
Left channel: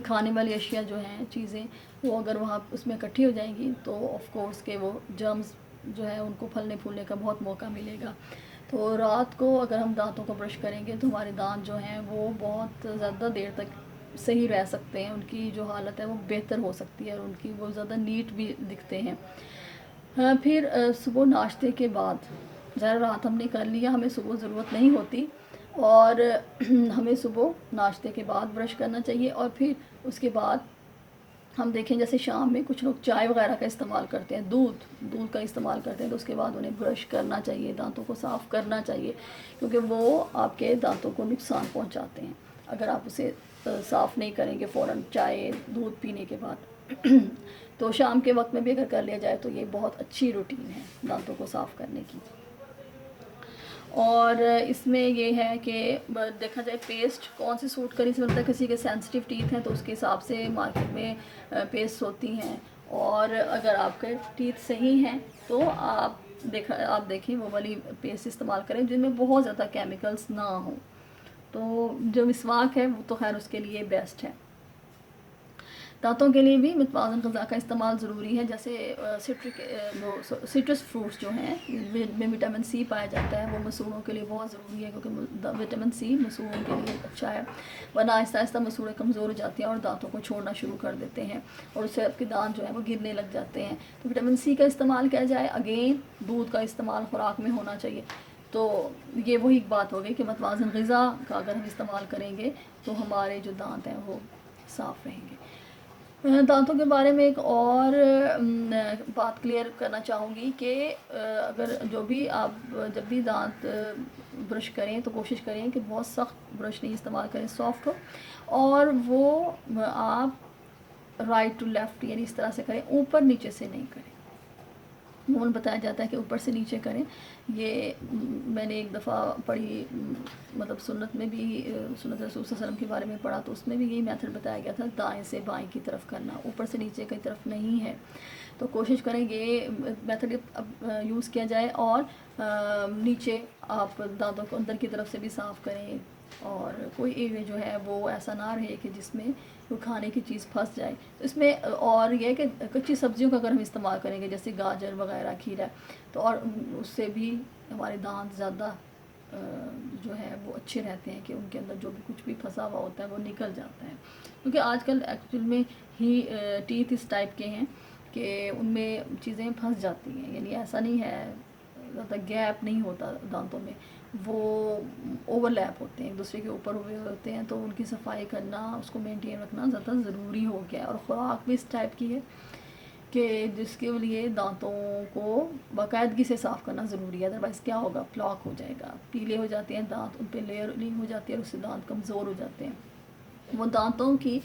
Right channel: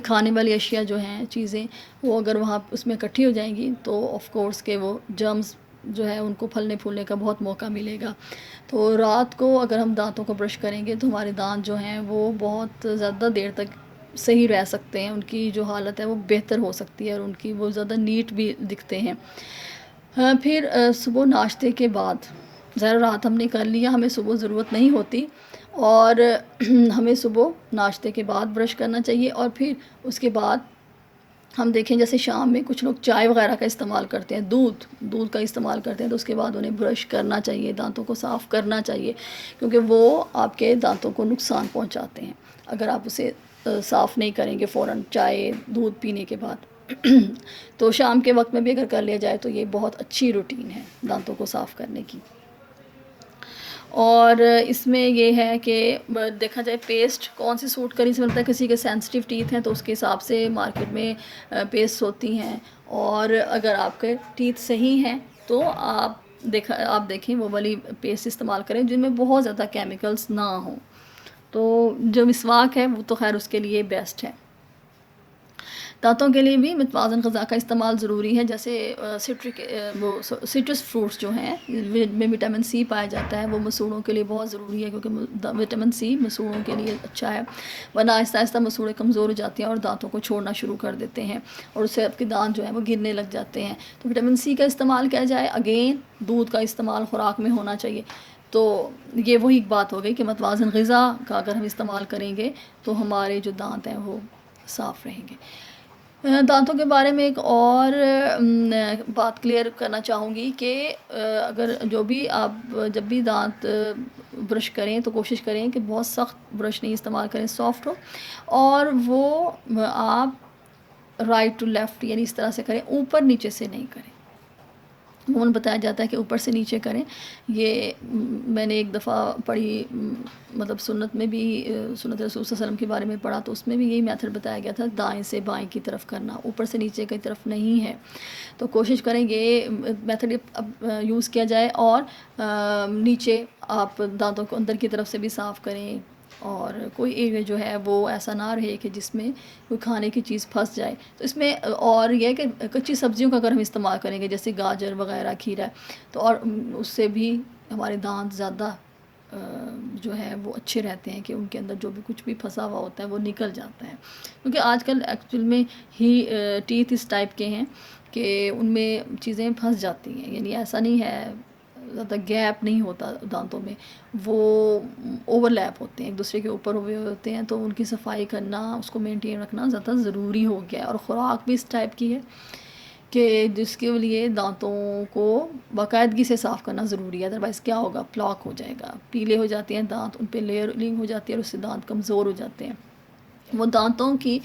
کھانے والی اشیاء جو ہیں چیزیں وہ اگر وہاں اس میں اکٹھی ہو جائیں گی تو آف کورس کہ وہ جرمز جو ہے ان کو پھلنے پھولنے کا بہت موقع ملے گا. تو رات کو اگر ہم دانتوں کو برش کریں گے تو ہمارے دانت جو ہیں وہ بہت زیادہ دیر تک صحیح رہ سکتے ہیں، ان کی جو حالت ہے وہ بہتر ہو سکتی ہے اور ان کی وہ زیادہ نیٹ بھی دکھتے ہیں. پھر صبح ناشتے کے بعد، ظاہر رات ہم نے کر لیا، ہمیں صبح ضرورت نہیں ہوتی، اور ہمیں صبح ناشتے کے بعد برش کرنا چاہیے. اور پھر اس کے بعد ہم دیکھیں جیسے شام میں کچھ لوگ چائے وغیرہ کا استعمال کرتے ہیں، دودھ کا استعمال کرتے ہیں، تو اس کے بعد انہیں برش کرنا چاہیے، دانتوں کو صاف کرنا چاہیے، کیونکہ وہ آپ کے دانتوں کو نقصان پہنچاتے ہیں اگر آپ اسے صاف نہیں کریں گے فوراً چائے دودھ پینے کے بعد. تو شام کے وقت میں بھی اگر کر لیا جائے تو یہ بہت اچھی روٹین ہے دانتوں کو صاف کرنے کی. اور اس میں یہ ہے کہ دیکھا جائے پیسٹ کون سی سوٹ کری، سے ملتا ہے کسی کے سینسٹیو ٹیتھ ہیں تو اس کے حساب سے مارکیٹ میں پیسٹ ہوتی ہیں، اور اگر آپ کے ٹیتھ صحیح ہیں تو آپ دیکھیں وہ والی پیسٹ استعمال کریں جن میں بہت زیادہ کیمیکلز نہ ہوں. تو جو مسواک ہے وہ تو خیر اس کے لیے بیسٹ ہے. دانتوں کے لیے بھی متوازن غذا کا استعمال ضروری ہے، جیسے سٹرس فروٹس جو ہیں جن میں وٹامن سی پایا جاتا ہے وہ مسوڑوں کے لیے بہت ضروری ہے، کیونکہ وٹامن سی مسوڑوں کے لیے اچھا ہے، ورنہ آہستہ آہستہ مسوڑے کمزور ہو جاتے ہیں اور دانتوں کو چھوڑنا شروع کر دیتے ہیں اور اس سے آپ کے دانت جو ہیں وہ گرنے لگ جاتے ہیں. تو وٹامن سی کا استعمال کیا جائے، اگین دودھ کا استعمال خوراک میں ہونا چاہیے. تو یہ وہی بات ہو گئی کہ متوازن غذا کا اگر ہم استعمال کریں گے تو ہمارے جو دانت ہیں وہ صاف رہیں گے. دانتوں کے بارے میں ایک اور بات کلیئر کرنا چاہوں گی کہ اگر جو بھی آپ جب بھی دانت برش کریں تو کوشش کریں کہ بہت سخت برش نہیں استعمال کریں، سافٹ ہو، اور وہ آپ رائٹ ٹو لیفٹ یعنی اس طرح سے کریں، اوپر نیچے سے نہیں کریں. عموماً بتایا جاتا ہے کہ اوپر سے نیچے کریں. یہ میں نے ایک دفعہ پڑھی، مطلب سنت میں بھی سنت رسول صلی اللہ علیہ وسلم کے بارے میں پڑھا تو اس میں بھی یہی میتھڈ بتایا گیا تھا، دائیں سے بائیں کی طرف کرنا، اوپر سے نیچے کی طرف نہیں ہے. تو کوشش کریں یہ میتھڈ یوز کیا جائے، اور نیچے آپ دانتوں کو اندر کی طرف سے بھی صاف کریں، اور کوئی ایریا جو ہے وہ ایسا نہ رہے کہ جس میں کوئی کھانے کی چیز پھنس جائے. تو اس میں اور یہ کہ کچی سبزیوں کا اگر ہم استعمال کریں گے جیسے گاجر وغیرہ، کھیرا، تو اور اس سے بھی ہمارے دانت زیادہ جو ہے وہ اچھے رہتے ہیں کہ ان کے اندر جو بھی کچھ بھی پھنسا ہوا ہوتا ہے وہ نکل جاتا ہے. کیونکہ آج کل ایکچوئل میں ہی ٹیتھ اس ٹائپ کے ہیں کہ ان میں چیزیں پھنس جاتی ہیں، یعنی ایسا نہیں ہے، زیادہ گیپ نہیں ہوتا دانتوں میں، وہ اوور لیپ ہوتے ہیں، ایک دوسرے کے اوپر ہوئے ہوتے ہیں. تو ان کی صفائی کرنا، اس کو مینٹین رکھنا زیادہ ضروری ہو گیا ہے. اور خوراک بھی اس ٹائپ کی ہے کہ جس کے لیے دانتوں کو باقاعدگی سے صاف کرنا ضروری ہے، ادروائز کیا ہوگا، پلاک ہو جائے گا، پیلے ہو جاتے ہیں دانت، ان پہ لیئرنگ ہو جاتی ہے اور اس سے دانت کمزور ہو جاتے ہیں. وہ دانتوں کی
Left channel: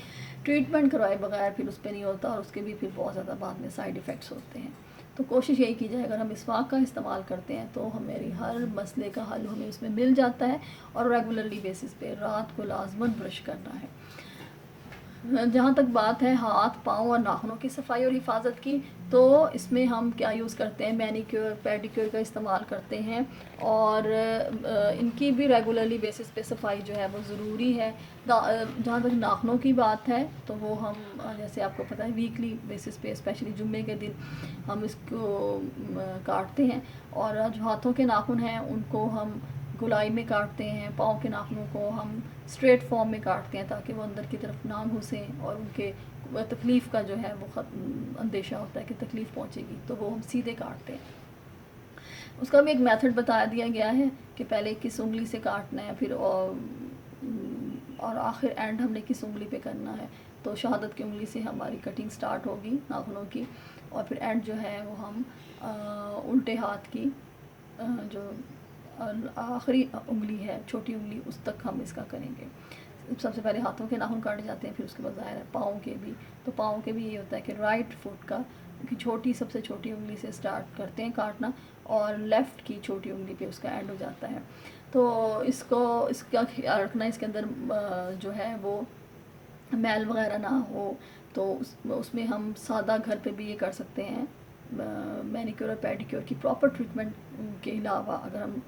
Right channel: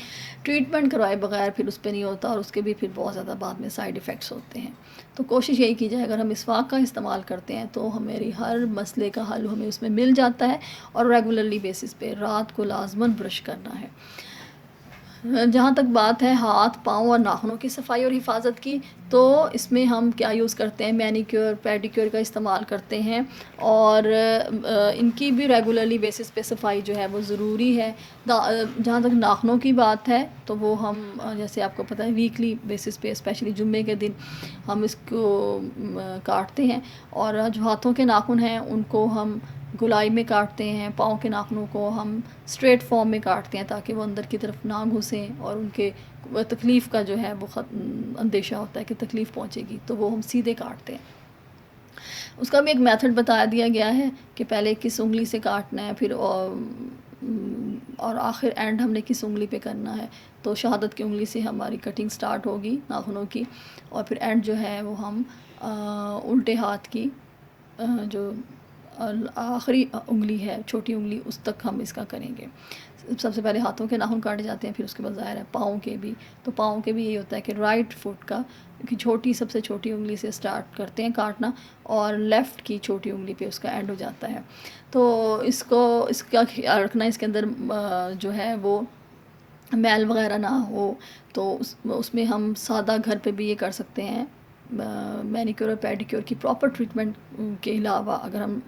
ٹریٹمنٹ کروائے بغیر پھر اس پہ نہیں ہوتا، اور اس کے بھی پھر بہت زیادہ بعد میں سائیڈ ایفیکٹس ہوتے ہیں. تو کوشش یہی کی جائے اگر ہم مسواک کا استعمال کرتے ہیں تو ہماری ہر مسئلے کا حل ہمیں اس میں مل جاتا ہے، اور ریگولرلی بیسس پہ رات کو لازماً برش کرنا ہے. جہاں تک بات ہے ہاتھ، پاؤں اور ناخنوں کی صفائی اور حفاظت کی، تو اس میں ہم کیا یوز کرتے ہیں، مینیکیور پیڈیکیور کا استعمال کرتے ہیں، اور ان کی بھی ریگولرلی بیسس پہ صفائی جو ہے وہ ضروری ہے. جہاں تک ناخنوں کی بات ہے تو وہ ہم جیسے آپ کو پتہ ہے ویکلی بیسس پہ اسپیشلی جمعے کے دن ہم اس کو کاٹتے ہیں. اور جو ہاتھوں کے ناخن ہیں ان کو ہم گلائی میں کاٹتے ہیں، پاؤں کے ناخنوں کو ہم اسٹریٹ فارم میں کاٹتے ہیں تاکہ وہ اندر کی طرف نہ گھسیں، اور ان کے تکلیف کا جو ہے وہ اندیشہ ہوتا ہے کہ تکلیف پہنچے گی، تو وہ ہم سیدھے کاٹتے ہیں. اس کا بھی ایک میتھڈ بتا دیا گیا ہے کہ پہلے کس انگلی سے کاٹنا ہے، پھر اور آخر اینڈ ہم نے کس انگلی پہ کرنا ہے. تو شہادت کی انگلی سے ہماری کٹنگ سٹارٹ ہوگی ناخنوں کی، اور پھر اینڈ جو ہے وہ ہم الٹے ہاتھ کی جو آخری انگلی ہے، چھوٹی انگلی، اس تک ہم اس کا کریں گے. سب سے پہلے ہاتھوں کے ناخن کاٹے جاتے ہیں، پھر اس کے بعد ظاہر ہے پاؤں کے بھی. تو پاؤں کے بھی یہی ہوتا ہے کہ رائٹ فٹ کا چھوٹی سب سے چھوٹی انگلی سے سٹارٹ کرتے ہیں کاٹنا، اور لیفٹ کی چھوٹی انگلی پہ اس کا اینڈ ہو جاتا ہے. تو اس کا خیال رکھنا، اس کے اندر جو ہے وہ میل وغیرہ نہ ہو. تو اس میں ہم سادہ گھر پہ بھی یہ کر سکتے ہیں، مینیکیور اور پیڈیکیور کی پراپر ٹریٹمنٹ کے علاوہ اگر ہم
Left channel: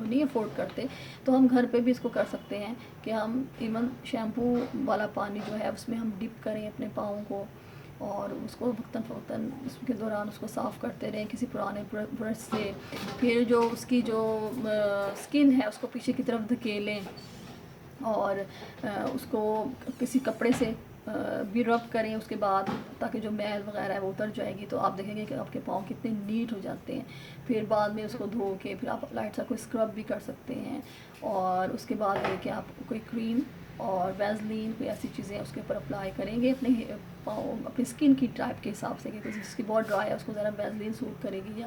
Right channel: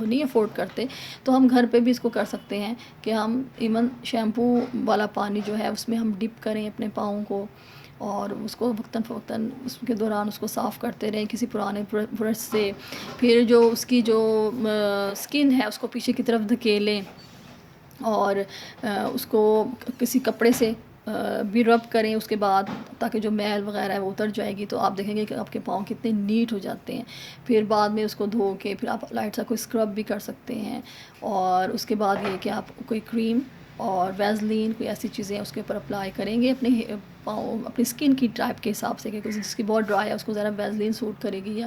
وہ نہیں افورڈ کرتے تو ہم گھر پہ بھی اس کو کر سکتے ہیں کہ ہم ایون شیمپو والا پانی جو ہے اس میں ہم ڈپ کریں اپنے پاؤں کو، اور اس کو وقتاً فوقتاً اس کے دوران اس کو صاف کرتے رہیں کسی پرانے برش سے. پھر جو اس کی جو اسکن ہے اس کو پیچھے کی طرف دھکیلیں اور اس کو کسی کپڑے سے بھی رب کریں اس کے بعد، تاکہ جو میل وغیرہ ہے وہ اتر جائے گی. تو آپ دیکھیں گے کہ آپ کے پاؤں کتنے نیٹ ہو جاتے ہیں. پھر بعد میں اس کو دھو کے پھر آپ لائٹ سا کوئی اسکرب بھی کر سکتے ہیں. اور اس کے بعد یہ کہ آپ کوئی کریم اور ویزلین کوئی ایسی چیزیں اس کے اوپر اپلائی کریں گے اپنے پاؤں اپنی اسکن کی ٹائپ کے حساب سے، کہ جس کی بہت ڈرائی ہے اس کو ذرا ویزلین سوٹ کرے گی، یا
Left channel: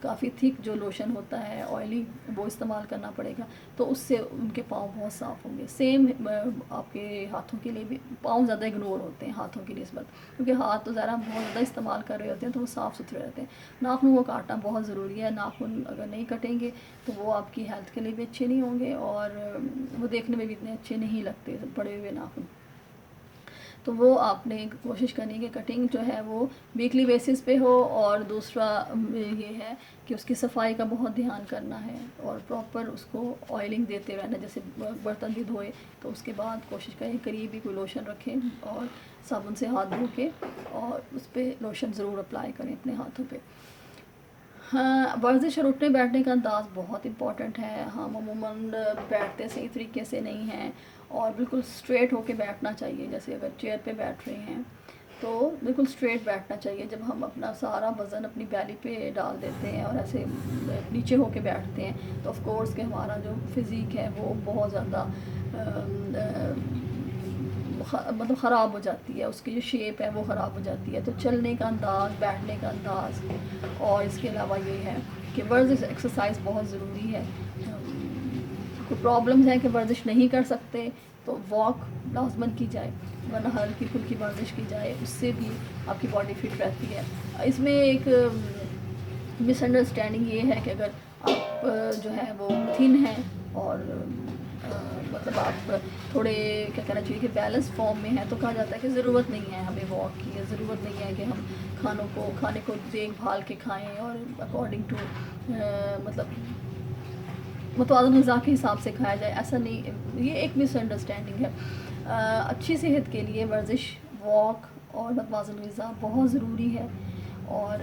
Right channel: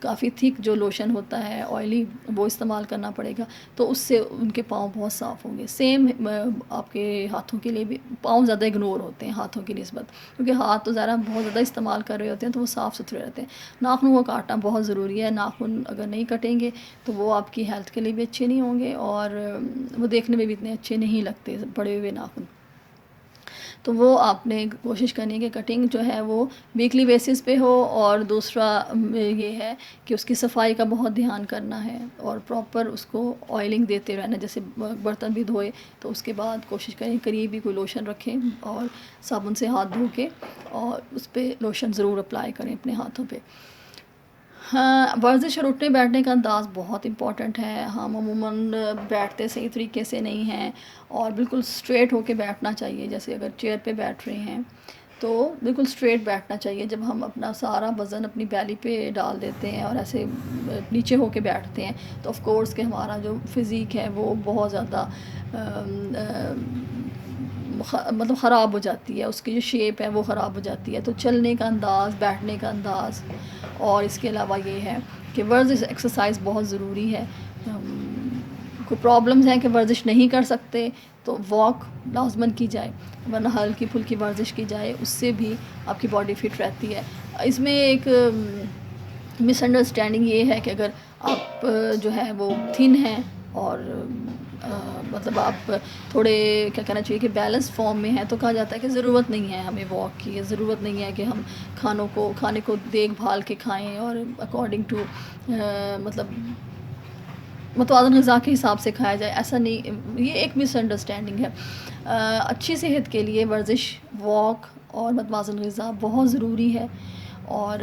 کافی تھک جو لوشن ہوتا ہے آئلی وہ استعمال کرنا پڑے گا. تو اس سے ان کے پاؤں بہت صاف ہوں گے. سیم آپ کے ہاتھوں کے لیے بھی، پاؤں زیادہ اگنور ہوتے ہیں ہاتھوں کی نسبت، کیونکہ ہاتھ تو ذرا بہت زیادہ استعمال کر رہے ہوتے ہیں تو وہ صاف ستھرے رہتے ہیں. ناخنوں کو کاٹنا بہت ضروری ہے. ناخن اگر نہیں کٹیں گے تو وہ آپ کی ہیلتھ کے لیے بھی اچھے نہیں ہوں گے، اور وہ دیکھنے میں بھی اتنے اچھے نہیں لگتے پڑے ہوئے ناخن. تو وہ آپ نے کوشش کرنی کہ کٹنگ جو ہے وہ ویکلی بیسس پہ ہو. اور دوسرا یہ ہے کہ اس کی صفائی کا بہت دھیان کرنا ہے اور پراپر اس کو آئلنگ دیتے رہنا. جیسے برتن بھی دھوئے تو اس کے بعد کوشش کریں قریب ہی کوئی لوشن رکھیں اور صابن سے ہاتھ دھو کے اور اس پہ لوشن ضرور اپلائی کریں اپنے ہاتھوں پہ. ہاں، ورزش اور اٹھنے بیٹھنے کا انداز بہت امپورٹنٹ ہے. ہم عموماً بیٹھتے صحیح طریقے سے نہیں ہیں اور بالکل اسٹریٹ ہو کے بیٹھنا چاہیے. جیسے اگر چیئر پہ بیٹھ رہے ہیں تو بالکل اسٹریٹ بیٹھنا چاہیے. جب ہم اپنا سارا وزن اپنی بیلی پہ ڈال دیتے ہیں اور ایسے نیچے ہو کے بیٹھتے ہیں تو آف کورس کہ ہمارا جو فزیک ہے وہ بہت زیادہ مطلب خراب ہو جاتی ہے، اس کی جو شیپ ہے وہ خراب ہو جاتی ہے. تو چلنے کا انداز، بیٹھنے کا انداز، اور اس کے علاوہ یہ ہے کہ ورزش ایکسرسائز بہت ضروری ہے. کوئی پرابلمز ہیں کہ ورزش نہیں کر سکتے تو واک لازماً کی جائے، ورنہ ہلکی پھلکی ورزش کی جائے، اس سے بھی آپ کی باڈی فٹ رہتی ہے. اس میں ایک مس انڈرسٹینڈنگ یہ ہے کہ اگر آپ جو ہے وہ تھن ہیں اور مطلب آپ تھوڑے کیا کہنا چاہیے کہ بیلنس فارم میں ہیں تو کہا جاتا ہے کہ ضرورت نہیں ہے ہمیں واک کی، ضرورت نہیں ہے کہ ہم کھانے کو دیکھ بھال کے کھائیں اور اکارڈنگ ٹو مطلب متوازن غذا کے حساب سے کھایا جائے. ایسا نہیں، یہ ایک مس انڈرسٹینڈنگ ہے. اچھی صحت کے لیے ورزش، واک اور متوازن غذا بہت ضروری ہے، اور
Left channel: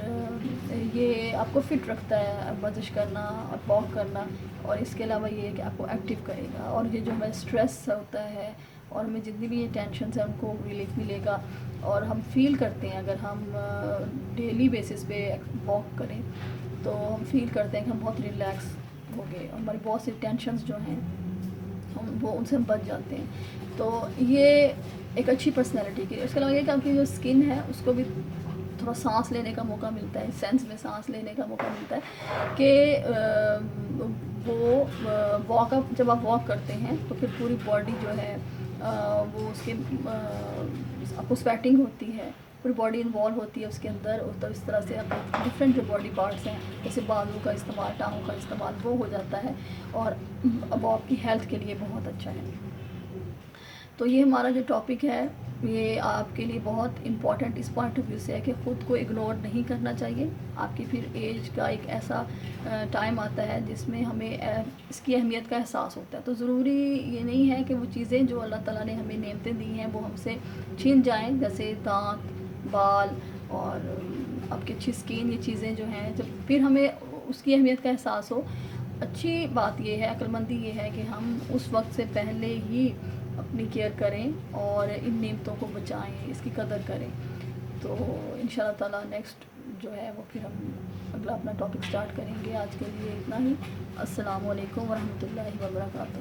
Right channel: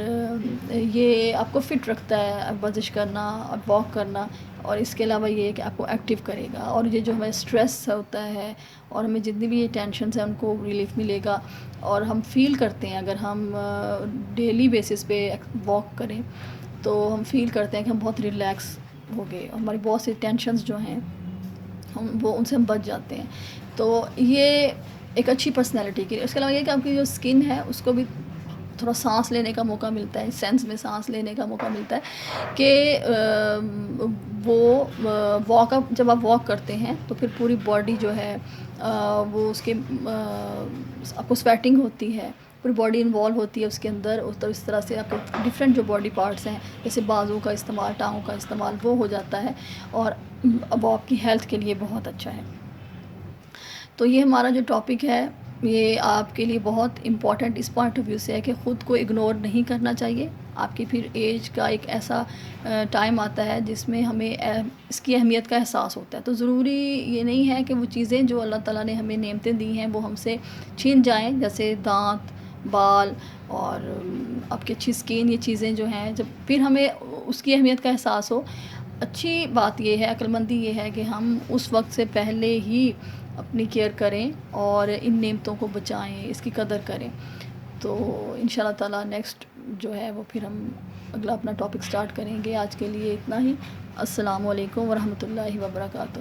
یہ آپ کو فٹ رکھتا ہے ورزش کرنا، واک کرنا. اور اس کے علاوہ یہ ہے کہ آپ کو ایکٹیو کرے گا، اور یہ جو ہمیں اسٹریس ہوتا ہے اور ہمیں جتنی بھی یہ ٹینشنز ہیں ان کو ریلیف ملے گا. اور ہم فیل کرتے ہیں اگر ہم ڈیلی بیسس پہ واک کریں تو ہم فیل کرتے ہیں کہ ہم بہت ریلیکس ہو گئے، اور ہماری بہت سی ٹینشنز جو ہیں ان سے ہم بچ جاتے ہیں. تو یہ ایک اچھی پرسنالٹی کے لیے. اس کے علاوہ یہ کہ آپ کی جو اسکن ہے اس کو بھی تھوڑا سانس لینے کا موقع ملتا ہے، سینس میں سانس لینے کا موقع ملتا ہے کہ وہ واک اپ جب آپ واک کرتے ہیں تو پھر پوری باڈی جو ہے وہ اس کے آپ کو سویٹنگ ہوتی ہے، پوری باڈی انوالو ہوتی ہے اس کے اندر. تو اس طرح سے آپ کو ڈفرینٹ جو باڈی پارٹس ہیں جیسے بازو کا استعمال، ٹانگوں کا استعمال وہ ہو جاتا ہے، اور وہ آپ کی ہیلتھ کے لیے بہت اچھا ہے. تو یہ ہمارا جو ٹاپک ہے یہ آپ کے لیے بہت امپورٹنٹ اس پوائنٹ آف ویو سے ہے کہ خود کو اگنور نہیں کرنا چاہیے. آپ کی پھر ایج کا ایک ایسا ٹائم آتا ہے جس میں ہمیں اس کی اہمیت کا احساس ہوتا ہے. تو ضروری یہ نہیں ہے کہ وہ چیزیں جو اللہ تعالیٰ نے ہمیں نعمتیں دی ہیں وہ ہم سے چھین جائیں، جیسے دانت، بال اور آپ کی اچھی اسکن. یہ چیزیں جو ہیں جب پھر ہمیں اس کی اہمیت کا احساس ہو. اچھی بات یہ ہے، عقل مندی یہ ہے کہ ہم اس وقت سے پہلے ہی اپنی کیئر کریں اور ان نعمتوں کو بچائیں، اس کی قدر کریں. تو انشاءاللہ تعالیٰ نیکسٹ جو ہے وہ پھر ہم اگلا اپنا ٹاپک سٹارٹ کریں گے. آج کے لیے اتنا ہی. السلام علیکم ورحمۃ اللہ وبرکاتہ.